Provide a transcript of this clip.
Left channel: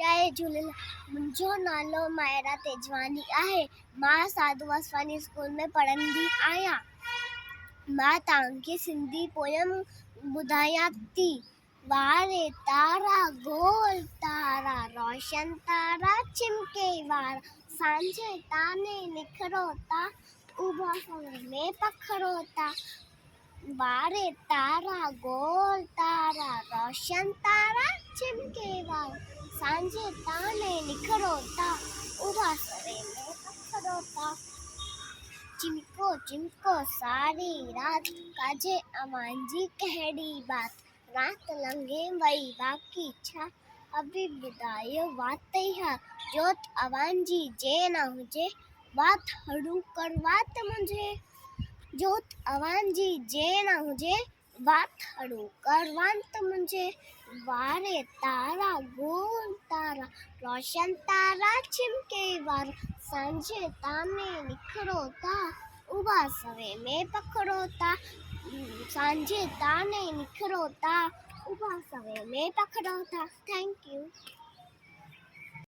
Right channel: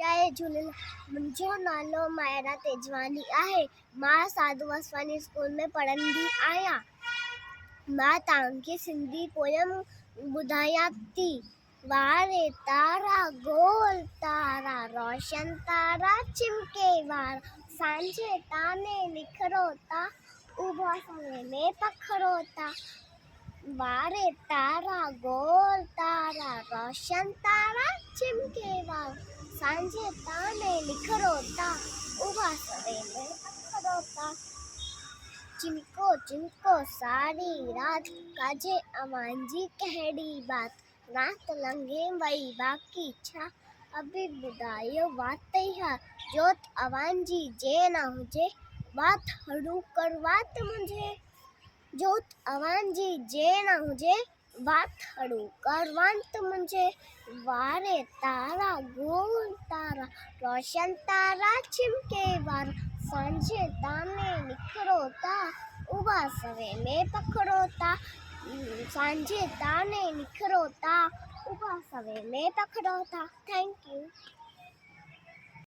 जय झूलेलाल। मुंहिंजो नालो मायरा तेजवानी आहे। मां साधू वासवानी स्कूल में पढ़ंदी आहियां। मां तव्हांखे सिंधी पोयम ॿुधायां थी। वारे तारा गोल तारा रोशन तारा चिमके वारा, सांझे ताने निखरो था उभा सवे में पखरो था। वारे तारा गोल तारा रोशन तारा चिमके वारा, सांझे ताने निखरो था उभा सवे में पखरो था। चिमको चिमको सारी रात काजे अवां जी कहिड़ी बात, रात लंघे वई बाक़ी छा अभी ॿुधायो वात हा। जोत अवां जी जे न हुजे बात हड़ू कर वात मुंहिंजे। जोत अवां जी जे न हुजे बात हड़ू कर वात मुंहिंजे। वारे तारा गोल तारा रोशन तारा चिमके वारा, सांझे ताने निखरो था उभा सवे में पखरो था। सांझे ताने निखरो था उभा सवे में पखरो था। Thank you.